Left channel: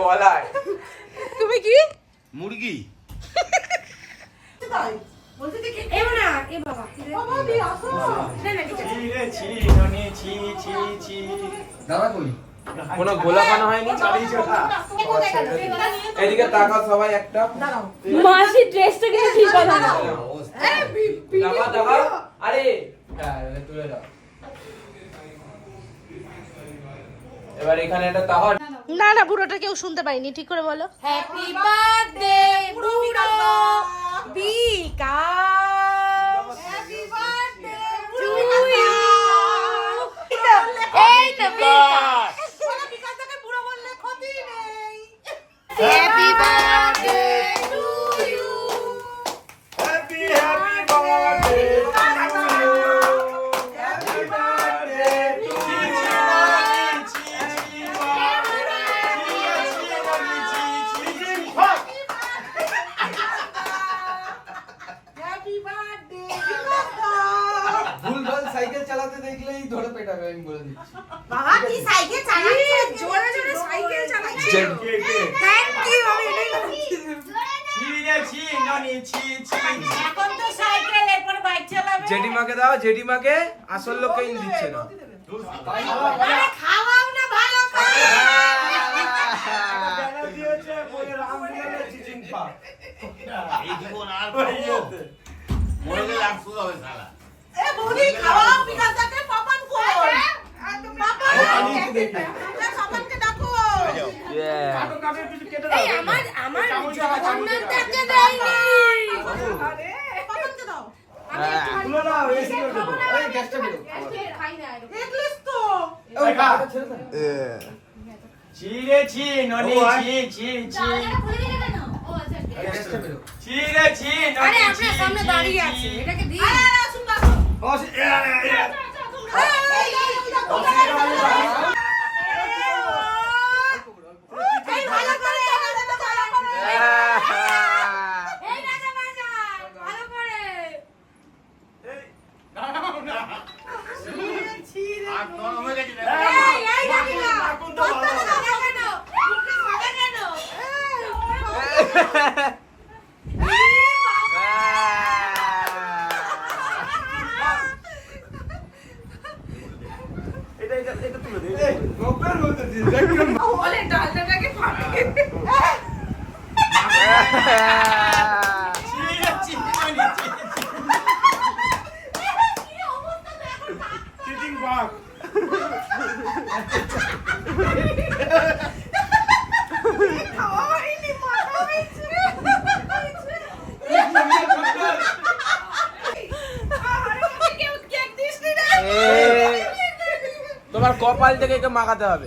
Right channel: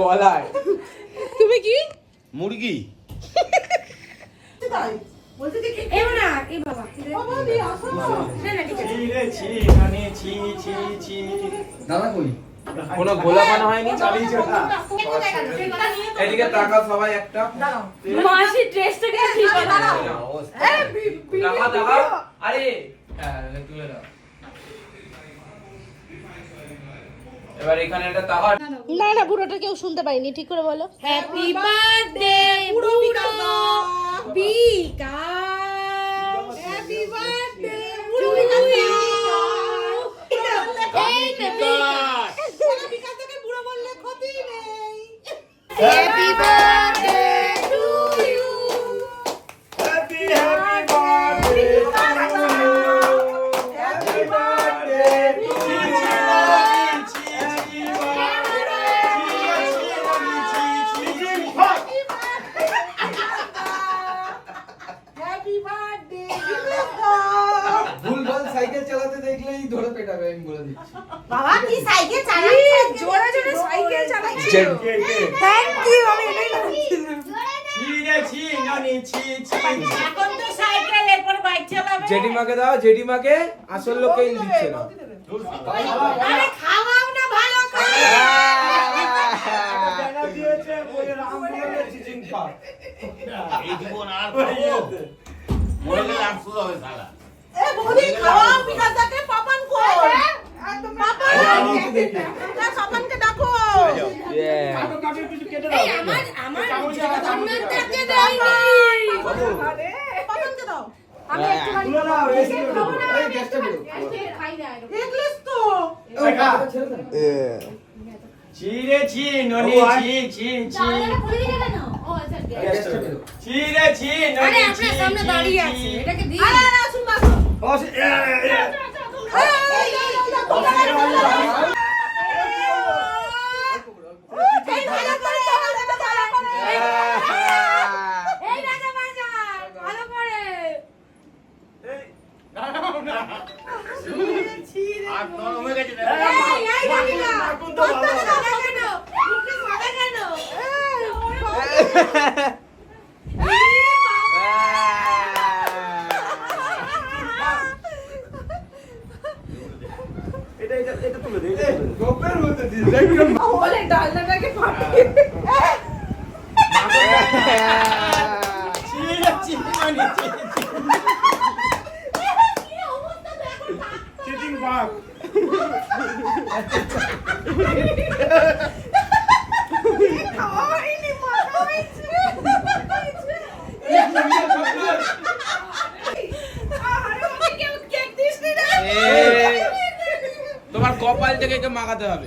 গলায়। তুমি কি? মুরগি। দাদা কই? কোনো গোলা বানা হয়নি? এদিকে সবাই একটা। মাসি ড্রেসটা কিন্তু ঠিক আছে টাকা টাকা আরে তুলে দাও। এবার এখানে একটা তাহার। না না পুরোটা কেউ শুনতে পাইনি ঠিক করে বলো। হ্যাপি বার্থডে পুরো Bikash happy birthday happy birthday দেখলেই ধরে পেটাবে আমি বলে দিচ্ছি। বাবা কি সাইকেল চালাচ্ছে জোরে জোরে সাইকেল চালাচ্ছি থ্যাংক ইউ আমি এটাই। এখন তো সাইকেল এরপর বাইক চালাবে। জেঠিমাকে দাও জেঠিমাকে আসল লোককেই দিচ্ছে না। আরে খাওয়াও না ভালো এই জীবন আর খাব মরলে রাগ শুরু হবে সালা। ছিরে ছি ননি কেন? ও আচ্ছা, ঠিক আছে। ননি আরে আপনার সামনে দাঁড়িয়ে আছে এটাকে দিই আরে আরে আসুন বাসো ও, সে- এ, এ, এ। এই এই এই এই ভালো করে ভালো করে এই রাজা বাজা ভালো করে আর নরম হয়ে গেছে না এই এই ডাকিনা দত্তকে দাও কেন মুখে সাদা কেন এটা এটা এটা তুলে দে এটা তুলে দে। বলে ডালনাটাকে ফাটিয়ে ছিরে ছি বাপ তোমার কপাল থেকে একে মাখাতে হবে।